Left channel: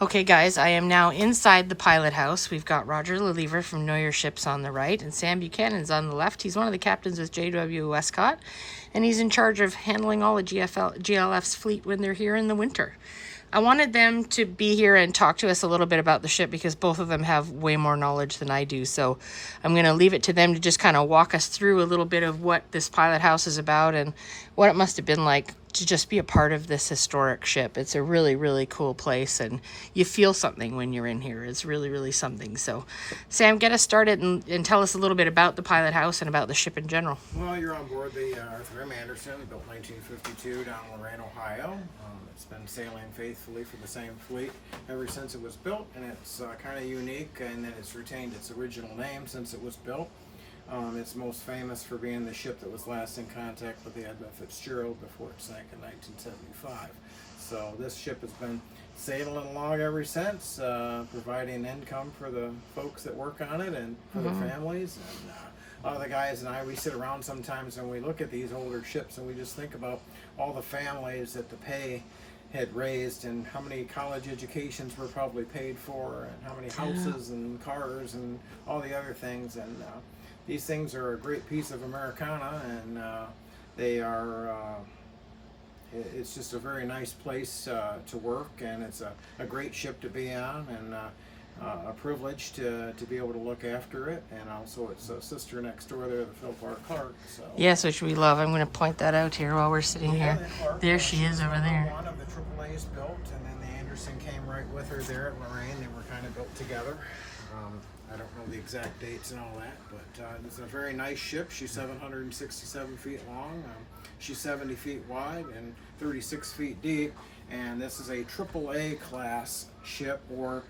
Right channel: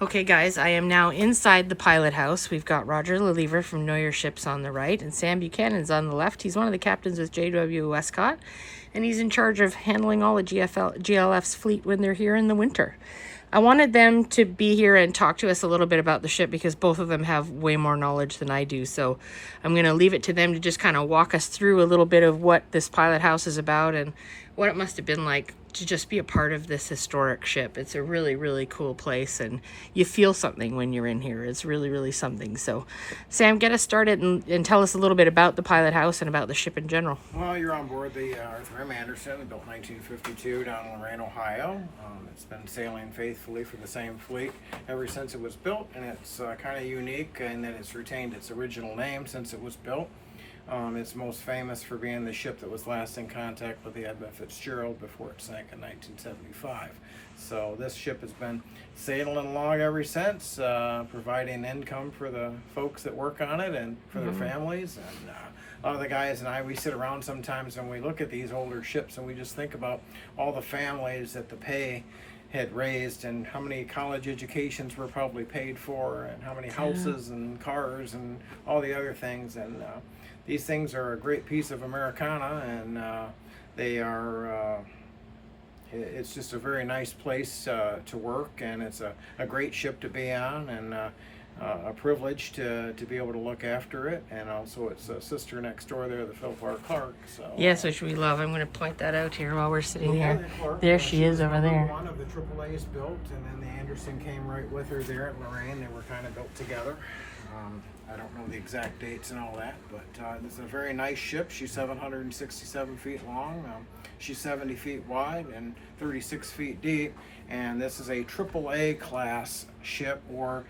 Okay, guys, I am now inside the pilot house. We've got Roger Lelever from Know Your Ships on the right, and Sam Buchanan's on the left. He's one of the captains with JW Westcott, and he's in charge of handling all of GLF's fleet when they're here in the winter. I wanted them to be here and talk to us a little bit about the ship because both of them have way more knowledge than I do. So I'm going to leave it to them to just kind of walk us through a little bit of what this pilot house is about and what it must have been like to just be a part of this historic ship. It's a really, really cool place, and you feel something when you're in here. It's really, really something. So, Sam, get us started and tell us a little bit about the pilot house and about the ship in general. Well, you're on board the Arthur M. Anderson, built 1952 down in Lorain, Ohio. It's been sailing faithfully for the same fleet ever since it was built, and it's kind of unique in that it's retained its original name since it was built. It's most famous for being the ship that was last in contact with the Edmund Fitzgerald before it sank in 1975. So this ship has been sailing along ever since, providing income for the folks that work on it and for their families. And a lot of the guys and I, we sit around sometimes and we look at these older ships and we just think about all the families that the pay had raised and how many college educations were probably paid for and how many houses and cars and all the other things. And these things are a great piece of Americana, and they are, it's just a very nice place to work, and it's a great ship to be on, and a privilege to be able to look after it. And also its a sister next door there, the Philip R. Clark. So, yes, which we love. I'm going to point that out here while we're sitting here. There she is over there. One of the AAA's built, and then the Anderson came right with her there at Lorain. They were kind of built together. I don't know the exact dates and all that, but it's a very nice ship. She's 767 feet long. She's 70 feet wide and 36 feet deep. And this is a AAA class ship, or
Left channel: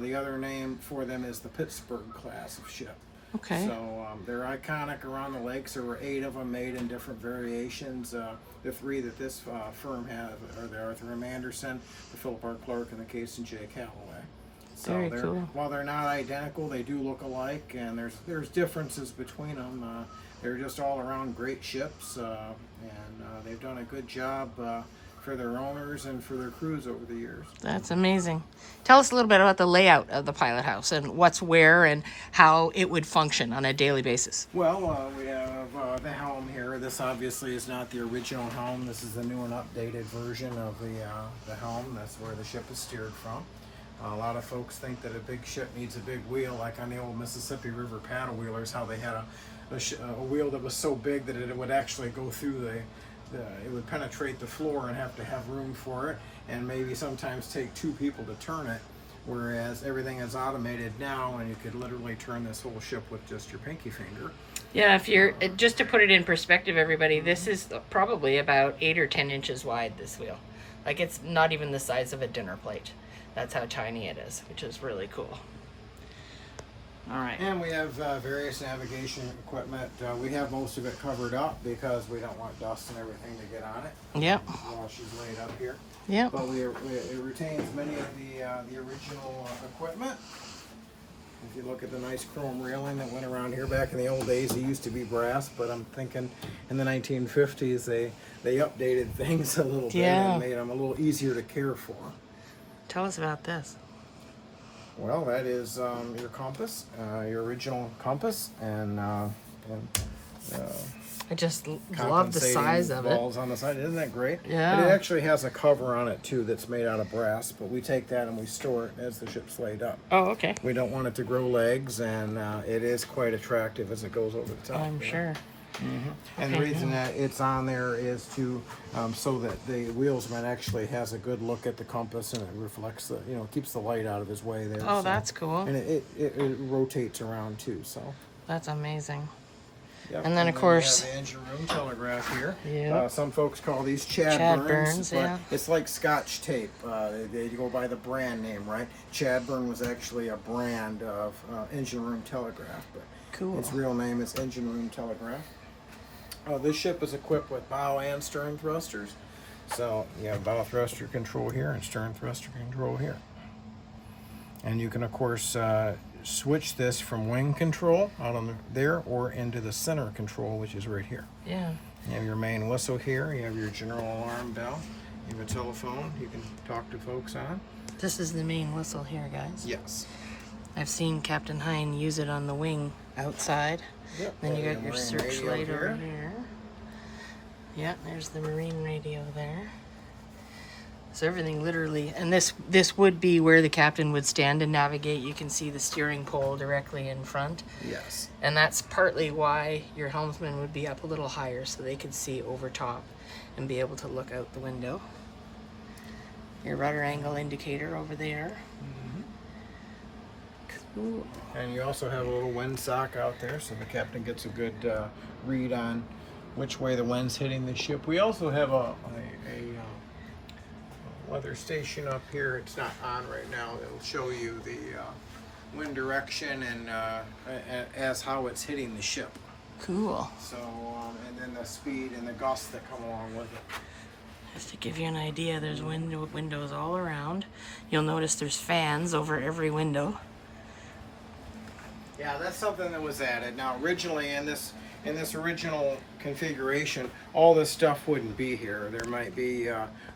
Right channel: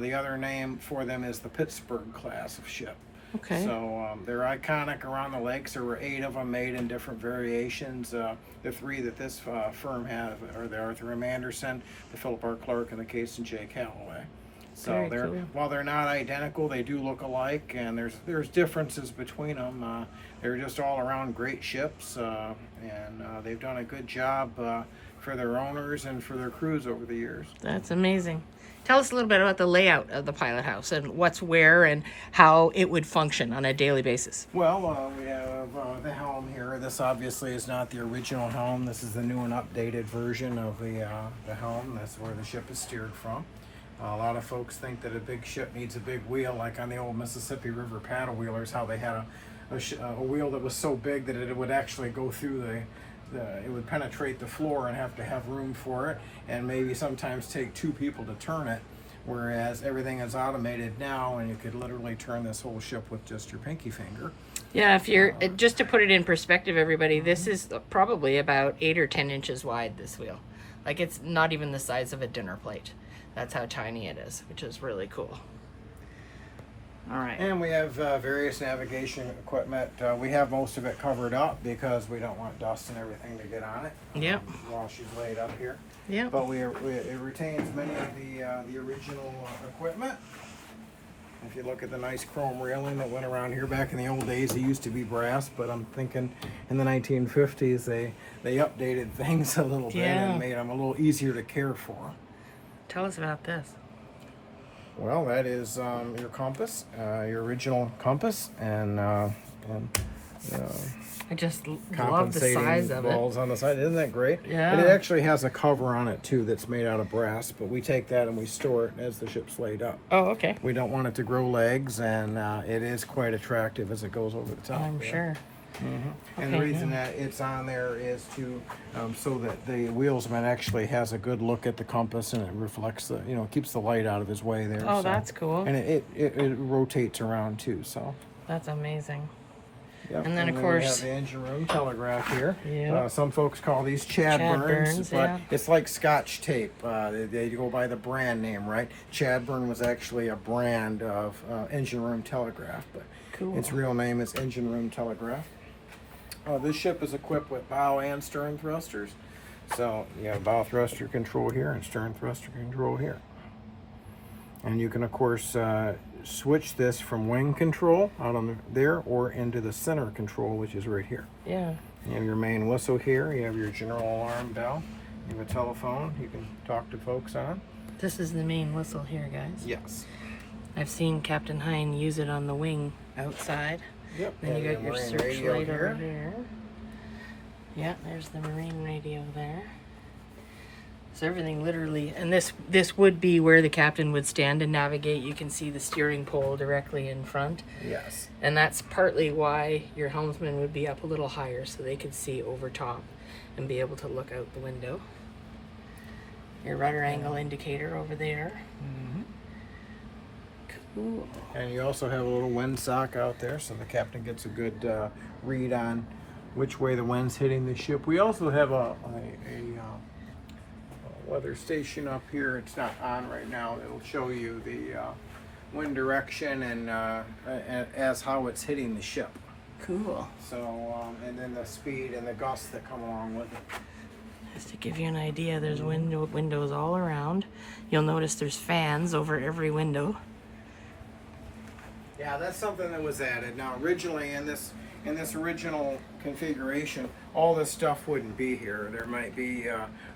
the other name for them is the Pittsburgh class of ship. Okay. So they're iconic around the lakes. There were 8 of them made in different variations. The 3 that this firm has are the Arthur M. Anderson, the Philip R. Clark, and the Case and J. Calloway. So while they're not identical, they do look alike, and there's differences between them. They're just all around great ships, and they've done a good job for their owners and for their crews over the years. That's amazing. Tell us a little bit about the layout of the pilot house and what's where and how it would function on a daily basis. Well, we have the helm here. This obviously is not the original helm. This is the new and updated version of the helm. That's where the ship is steered from. A lot of folks think that a big ship needs a big wheel, like on the old Mississippi River paddle wheelers, how they had a wheel that was so big that it would actually go through it would penetrate the floor and have to have room for it, and maybe sometimes take 2 people to turn it, whereas everything is automated now, and you could literally turn this whole ship with just your pinky finger. Yeah, if you're, just to put it in perspective, everybody, this is probably about 8 or 10 inches wide, this wheel. Like, it's not even the size of a dinner plate. That's how tiny it is, which is really cool. All right. And we have various navigation equipment. We have most of it covered up because we don't want dust and everything to get on it. Yep. While she's laid up here. Yep. But it retains many of the original equipment. If you look at the nice chrome railing that went around here back in the old days, it used to be brass, but I'm thinking in the 1950s they updated things a little bit and made them a little easier to care for. Tell us about this. Well, that is your compass, your original compass, and I just love the size of it. Balls on the side, isn't that great? Yeah. But it actually has a cover on it too that's made out of brass, but we take that and we store it as the ship's laid up. Oh, okay. We don't want it to grow legs, and it is quite attractive as it goes over the top. I'm sure. Mm-hmm. And the reason that it's on there is to so that the wheelsman actually has a good look at the compass, and it reflects the, keeps the light out of his way there. Oh, so that's cool. And it rotates around too, so. That's amazing. Yep. And then of course we have the engine room telegraph here. Yeah. Some folks call these Chadburns. Yeah. It's like Scotch tape. They go by the brand name, right? Chadburn was actually a brand of engine room telegraph, but cool. Its real name is engine room telegraph. This ship is equipped with bow and stern thrusters. So you have bow thruster control here and stern thruster control here. And you can, of course, switch this from wing control out on there or into the center control, which is right here. Yeah. You have your main whistle here. You have your general alarm bell. You have a telephone you can talk to folks on. This is the main whistle here, guys. Yes. I've seen Captain Hine use it on the wing outside. Yep. Then you and got your marine searchlight radio over here. Yeah, there's the marine radio there. So everything literally, and this would be where the captain would stand and navigate. You can see the steering pole directly in front. Yes. And that's partly why your helmsman would be up a little higher so they could see over top and be able to look out the window. Your rudder angle indicator over there. Cool. And you also have a little windsock out there, so the captain gets a good read on which way the wind's hitting the ship. We also have a weather station up here. It's not on right now. It'll show you the wind direction and as how it's hitting the ship. Cool. So, and then the speed and the gusts that come along with it. Just to give you an idea, there's windows all around. You'll notice there's fans over every window. Yeah, that's something that was added. Now, originally in this original configuration, all this stuff wouldn't be here. There might be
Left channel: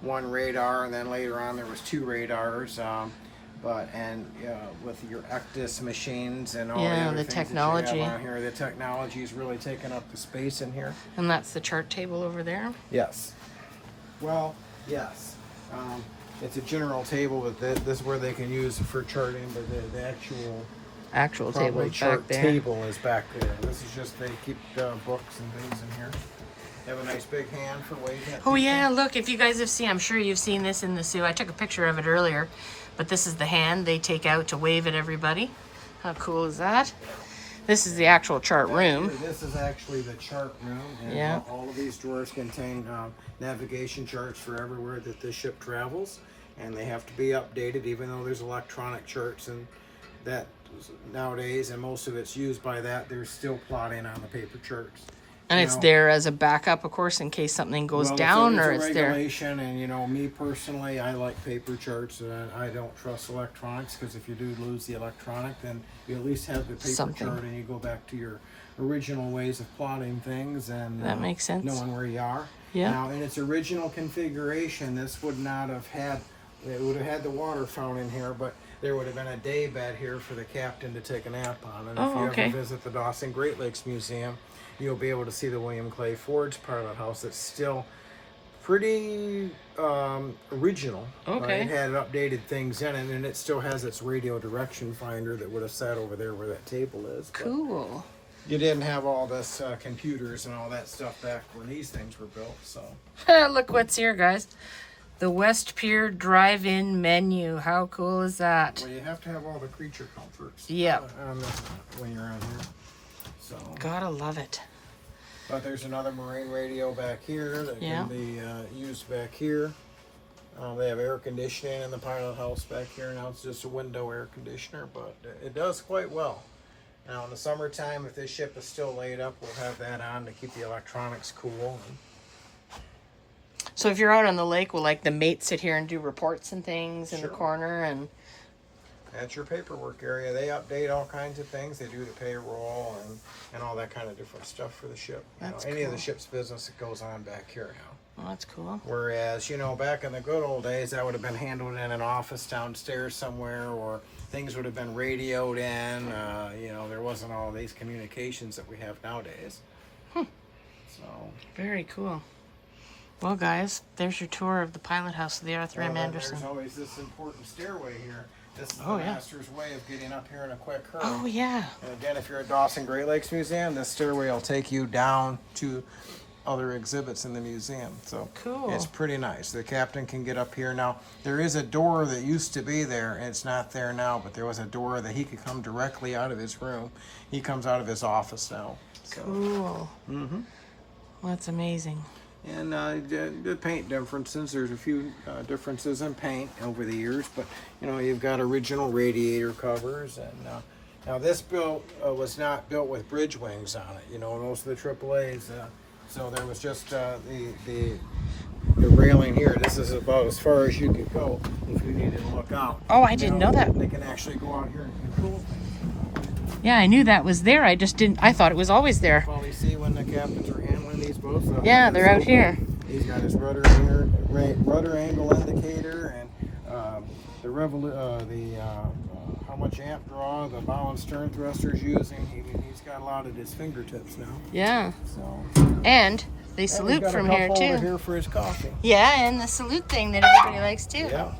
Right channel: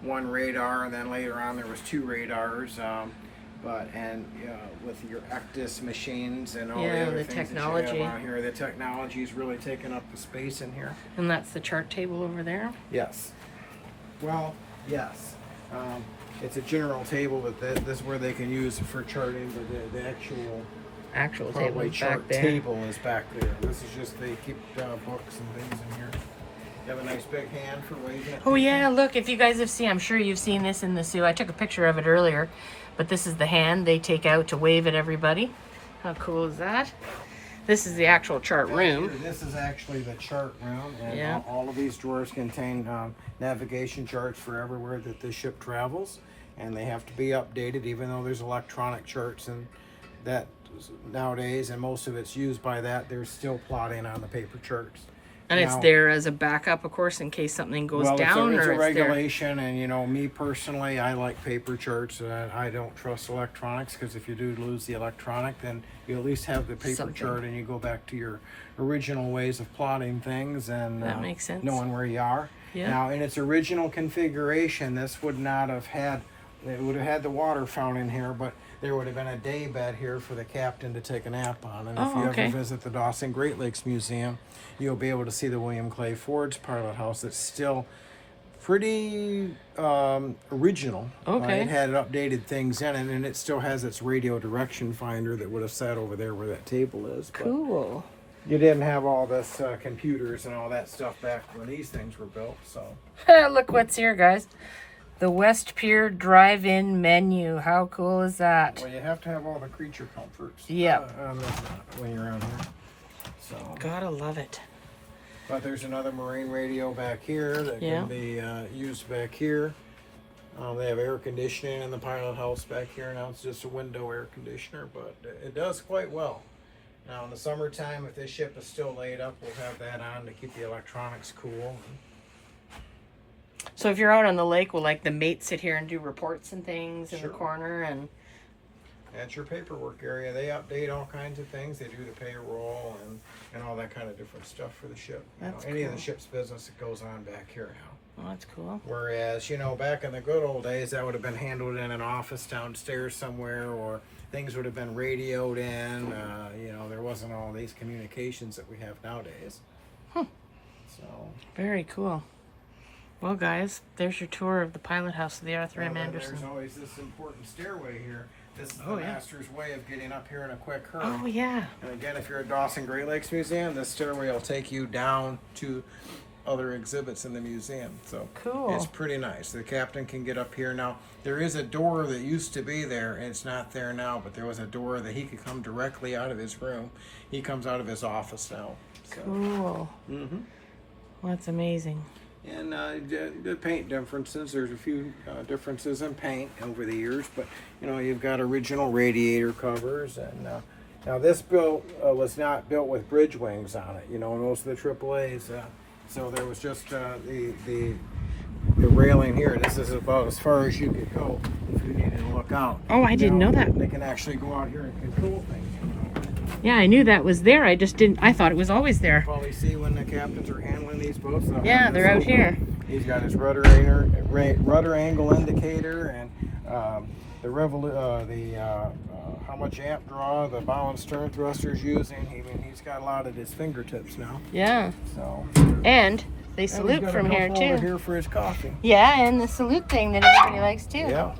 one radar, and then later on there was 2 radars. With your Ectis machines and all the other the things technology. that you have on here, the technology is really taking up the space in here. And that's the chart table over there. Yes. Well, yes. It's a general table. This is where they can use it for charting, but the actual Table probably is chart back there. table is back there. This is just they keep books and things in here. You have a nice big hand for waving. Oh yeah, look, if you guys have seen, I'm sure you've seen this in the zoo. I took a picture of it earlier, but this is the hand they take out to wave at everybody. How cool is that? This is the actual chart room. This is actually the chart room, and Yeah. all of these drawers contain navigation charts for everywhere that this ship travels, and they have to be updated, even though there's electronic charts and that nowadays, and most of it's used by that. There's still plotting on the paper charts. And it's Now- there as a backup, of course, in case something goes down, it's or a it's there. regulation, and me personally, I like paper charts, and I don't trust electronics, because if you do lose the electronic, then you at least have the paper Something. chart, and you go back to your original ways of plotting things and That makes sense. knowing where you are. Yeah. Now, in its original configuration, this would not have had. It would have had the water fountain here, but there would have been a day bed here for the captain to take a nap on. And if you okay. ever visit the Dawson Great Lakes Museum, you'll be able to see the William Clay Ford's pilot house. It's still pretty original. Okay. It had updated things in it, and it still has its radio direction finder that would have sat over there where that table is. But Cool. you didn't have all this computers and all that stuff back when these things were built, so. Look what's here, guys. The West Pier Drive-In menu. How cool is that? Well, you have to have all the creature comforts. Yep. When you're on here. So. Gotta love it. But there's another marine radio back here that Yeah. can be used back here. They have air conditioning in the pilot house back here. Now it's just a window air conditioner, but it does quite well. Now in the summertime, if this ship is still laid up, we'll have that on to keep the electronics cool. So if you're out on the lake, will like the mates sit here and do reports and things in the Sure. corner? And That's your paperwork area. They update all kinds of things. They do the payroll and all that kind of different stuff for the ship. That's any of cool. the ship's business that goes on back here now. oh, that's cool. Whereas, back in the good old days, that would have been handled in an office downstairs somewhere, or things would have been radioed in. There wasn't all these communications that we have nowadays. So, Very cool. Well, guys, there's your tour of the pilot house of the Arthur M. and Anderson. there's always this important stairway here. This is Oh, the yeah. master's way of getting up here in a quick hurry. Oh, yeah. And again, if you're at Dawson Great Lakes Museum, this stairway will take you down to other exhibits in the museum. So Cool. it's pretty nice. The captain can get up here. Now, there is a door that used to be there, and it's not there now, but there was a door that he could come directly out of his room. He comes out of his office now. So. Cool. Mm-hmm. Well, that's amazing. And the paint differences, there's a few differences in paint over the years, but you've got original radiator covers, and now this built was not built with bridge wings on it. Most of the AAA's, so there was just the railing here. This is about as far as you could go if you needed to look out. Oh, I didn't know that. They can actually go out here and control things. Yeah, I knew that was there. I just didn't. I thought it was always there. Probably see when the captains are handling these boats. Yeah, they're out here. He's got his rudder angle indicator, and how much amp draw the bow and stern thruster's using. He's got a lot at his fingertips now. Yeah. So. And they salute from here too. Over here for his coffee. Yeah, and the salute thing that everybody likes too. Yeah.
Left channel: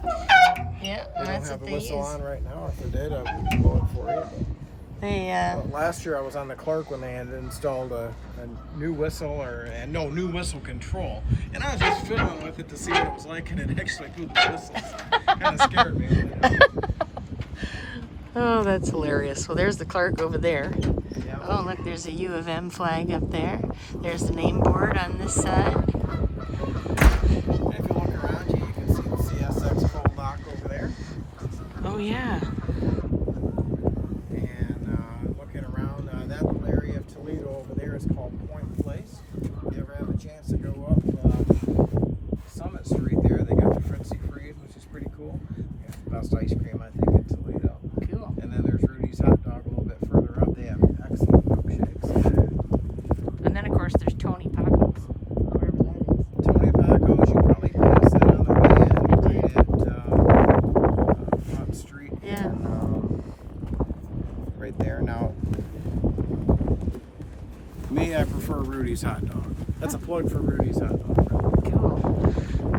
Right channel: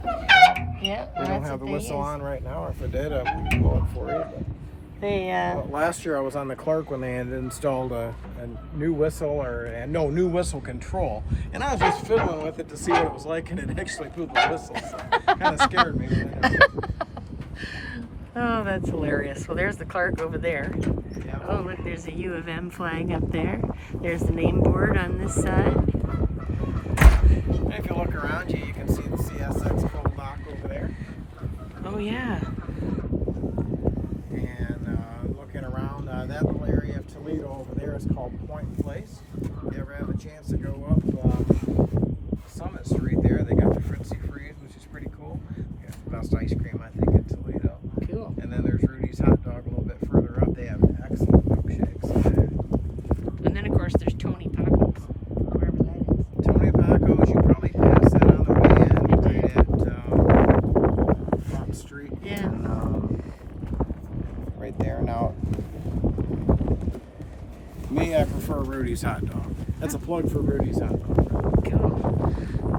Yeah, They that's don't have what the they whistle use. on right now. If they did, I'd pull it for you. They Last year I was on the Clark when they had installed a new whistle new whistle control, and I was just fiddling with it to see what it was like, and it actually blew the whistles. Kind of scared me. Oh, that's hilarious. Well, there's the Clark over there. Yeah. Oh, look, there's a U of M flag up there. There's the name board on this side. And if you look around you can see the CSX full dock over there. Oh, yeah. And looking around, that little area of Toledo over there is called Point Place. If you ever have a chance to go up Summit Street there, they got the Fritzy Freeze, which is pretty cool. They got the best ice cream, I think, in Toledo. Cool. And then there's Rudy's Hot Dog a little bit further up. They have excellent milkshakes. And then, of course, there's Tony Paco's, wherever that is. Tony Paco's, you probably passed that on the way in, right at Front Street. Yeah. Right there. Now, me, I prefer Rudy's Hot Dog. That's a plug for Rudy's Hot Dog. Cool.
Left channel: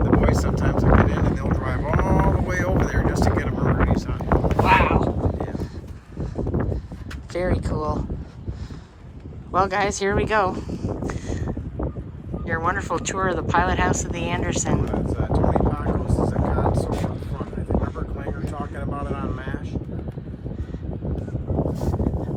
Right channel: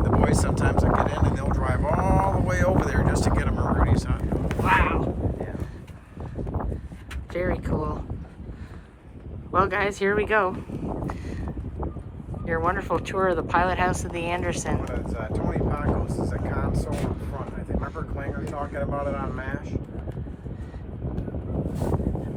The boys sometimes will get in and they'll drive all the way over there just to get them a Rudy's Hot Dog. Wow. Yeah. Very cool. Well, guys, here we go. Your wonderful tour of the pilot house of the Anderson. That's Tony Paco's is a console in front. I think remember Klanger talking about it on MASH?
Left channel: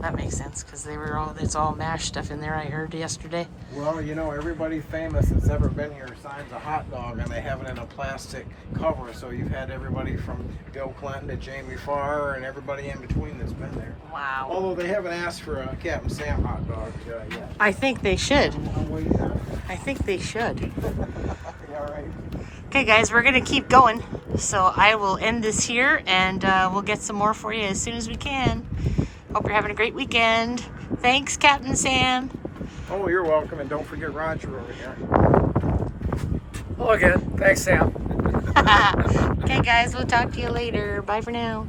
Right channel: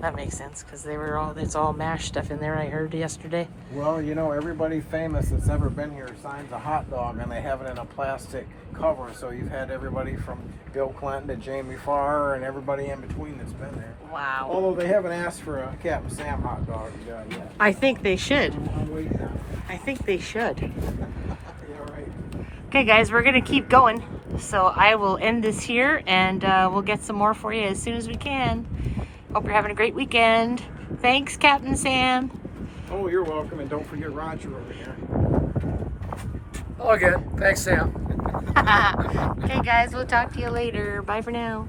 That makes sense because it's all MASH stuff in there. I heard yesterday. Well, you know, everybody famous that's ever been here signs a hot dog, and they have it in a plastic cover. So you've had everybody from Bill Clinton to Jamie Farr and everybody in between that's been there. Wow. Although they haven't asked for a Capt Sam hot dog yet. I think they should. I'm waiting on it. I think they should. Yeah, all right. Okay, guys, we're going to keep going. So I will end this here, and we'll get some more for you as soon as we can. Hope you're having a great weekend. Thanks, Captain Sam. Oh, you're welcome, and don't forget Roger over there. Hello again. Thanks, Sam. Okay, guys, we'll talk to you later. Bye for now.